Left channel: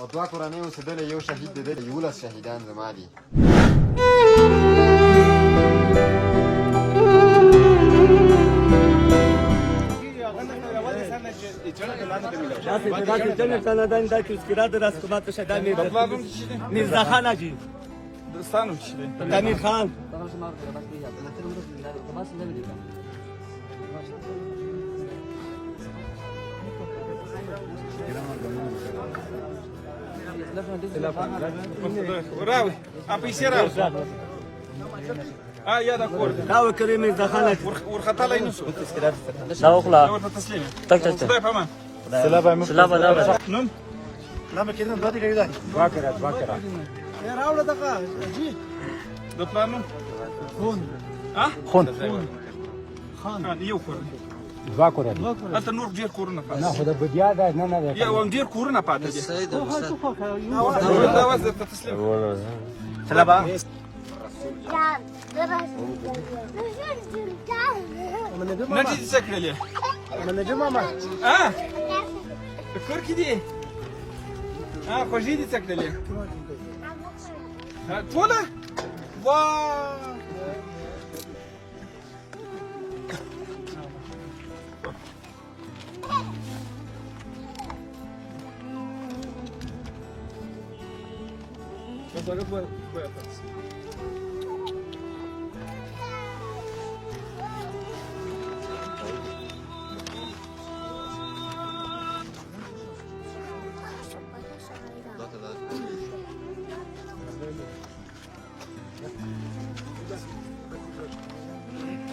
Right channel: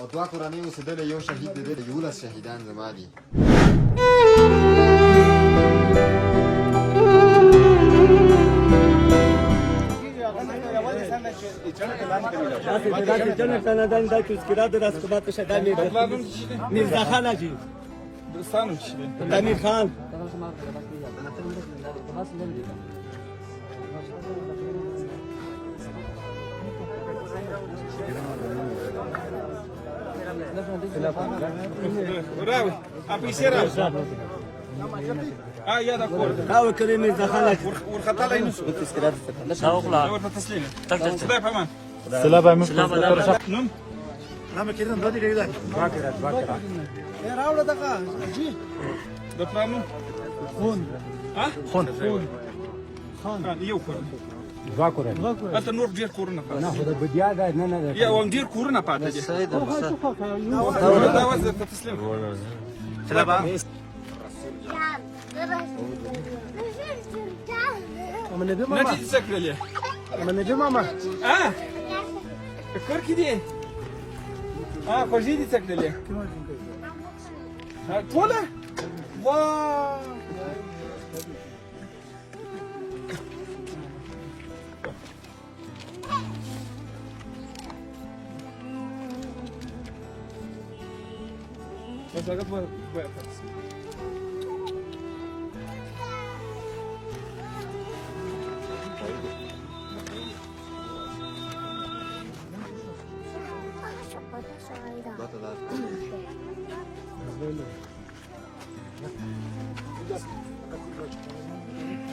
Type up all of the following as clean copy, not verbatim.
او دوه کورنۍ اوسېدلې، یو شهید دی، 11 شهیدان زما دي. میرزا خان حاجی امیر خان راوي پیسې راوي یا د کور دا وکړي میرزا خان حاجی ورختلای نه شو دا وکړه نور په تسلیم تک تک خدای په امان سلام علیکم نن لما كده بدري كده يا راوله دقه اجي د پلانو خون ها خون خان یو کور ذاكره اته نور ډیر کورونه پاتې نه ده بديا ده نه ده یا وان ډیر کورونه پاتې دي دا وځه په تسلیم ما دې څکلې من نجم ماما کور کې دي خوږې دي څکلې ټوله واه بس هاخد بقى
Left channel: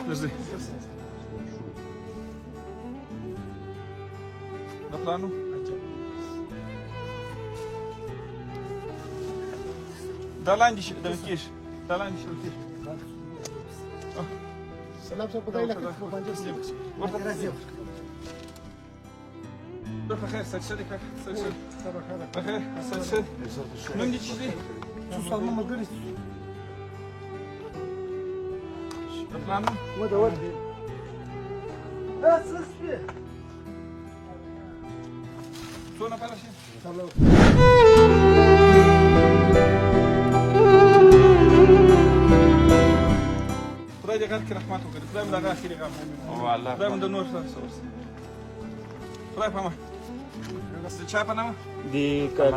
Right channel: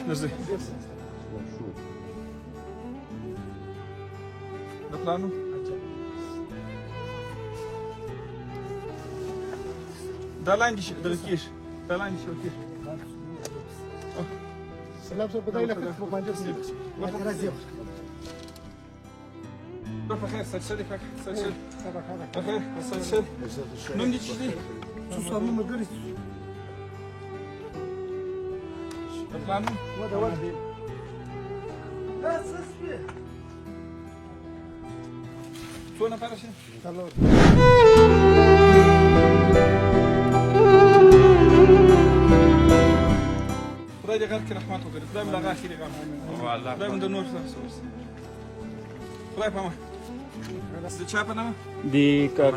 نزل نطلعنا ده لاندې شي ده وکیش ده لاندې شي وکیش سلام شو بدري لك روح بخير سلسلي سلسلي بخير سلسلي نوم دي تشتري صار مدرس نطلعنا شو نفعل شيء خدای دې غر کې رحمت وکړي خدای مې دغه اخري غم خدای مې د نور خدای په ما د چا په نامه دی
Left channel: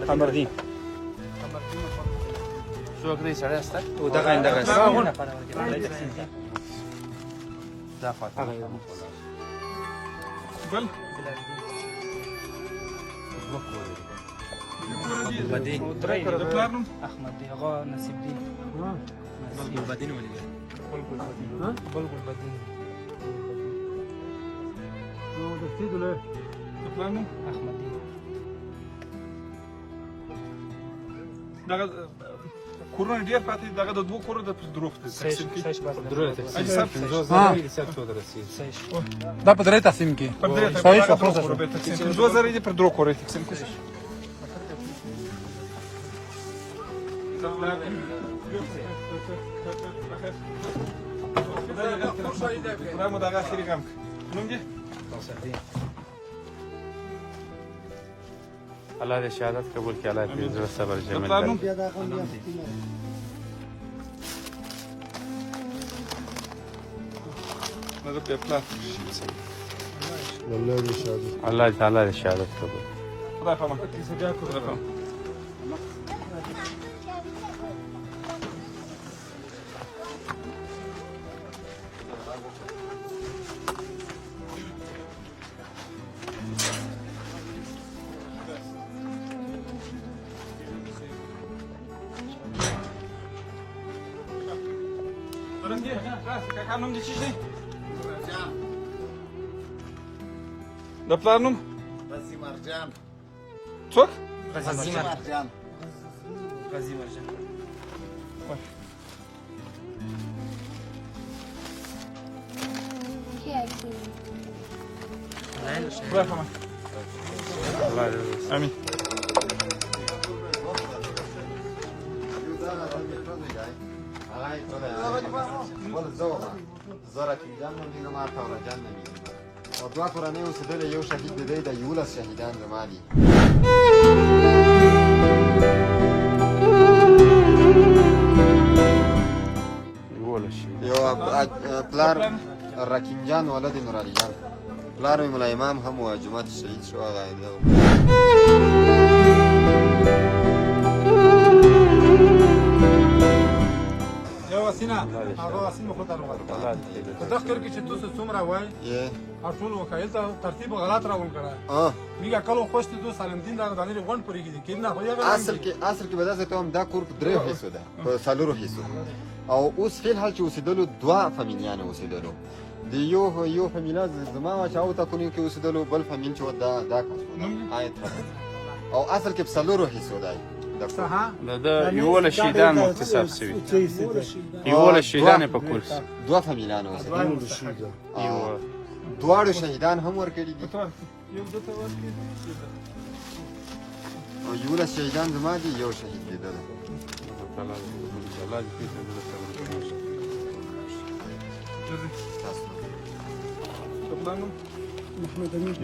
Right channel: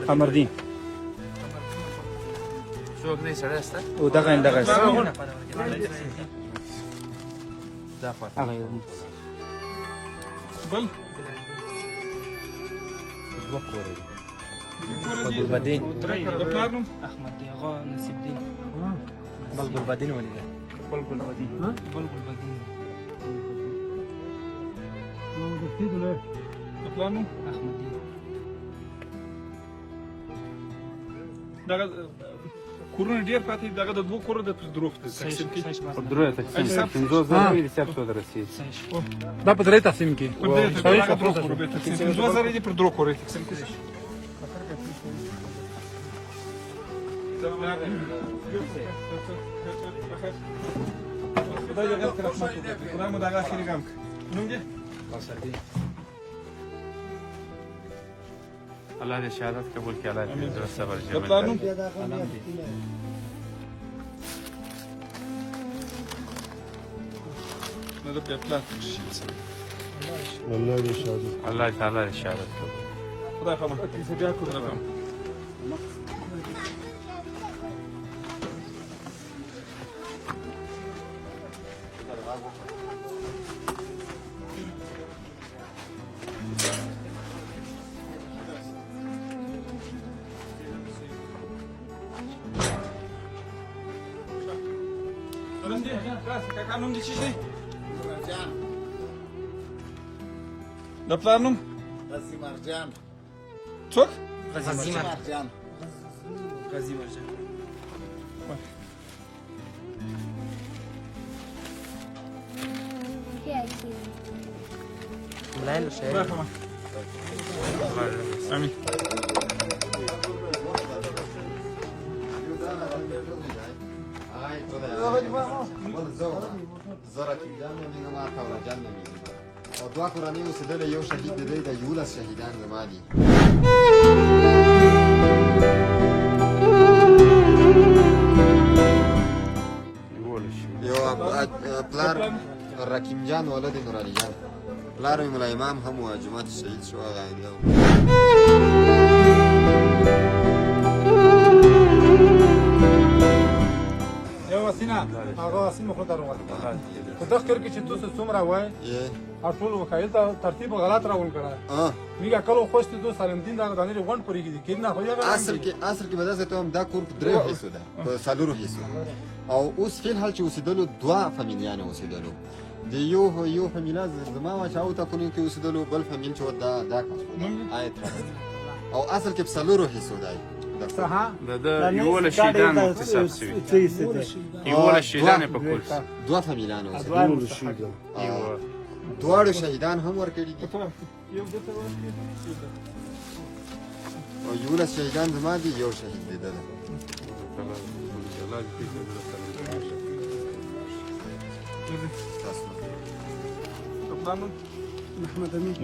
قمردین څوک دې سره ستا او دا څنګه بل د پلار نوم احمد هغه نصیب دین بدين ولا د پلار نوم دغه کورونه ډېر پاتې دغه د دوه کورو د دروغ دي تقسیم کې ده بدري تقسيم كي پر دې 2000 دي پر دروغ کورې تقسیم کې د پلار خدای دې رحمت وکړي خدای مو دغه اخري غم نوم دې الله دې شهادت قبول کړي الله دې صبر د پلار نوم نه د پلار والله دې شهادت الله تعالی دې شهادت قبول خدای په امان د پلار نوم غازي مرجان څوک غازي مرجان امين زرا کیدان دي نه ما تا جان نه او دوه کورنۍ اوسېدلې، یو شهید دی، 11 شهیدان زما دي. والا دی نور علي جان پلار مې ملا امام هم و جومات شهید شو هغه آینده و. یو وسینه هغه وسینه خو درو وایي په دغه کور کې چې تاسو څومره وایي یې ټول وکایل ته ترتیب غلط راون کړه میګه کلو خوښ دي سالمدین دا باندې غون پرې کېږي کله خو یې اصل کې بدل ته هم دا کور په درې حصو ده په څلورو حصو او اوس فعل حال چې اوسېدلو دوه فامیلیان اوسېدلو د یو فامیلا زما چې او تا کونی کې اوسېدلو بل فامیل چې دا آیت او اصل کې په څلورو حصو ده یوله شیدان مختصر شوي یوله شیدان په کورس دوه فامیلیان اوسېدلو دواړو شهیدان هم ورکړي دي او یولس شهیدان زما دي یو شهید دی ده محمد امين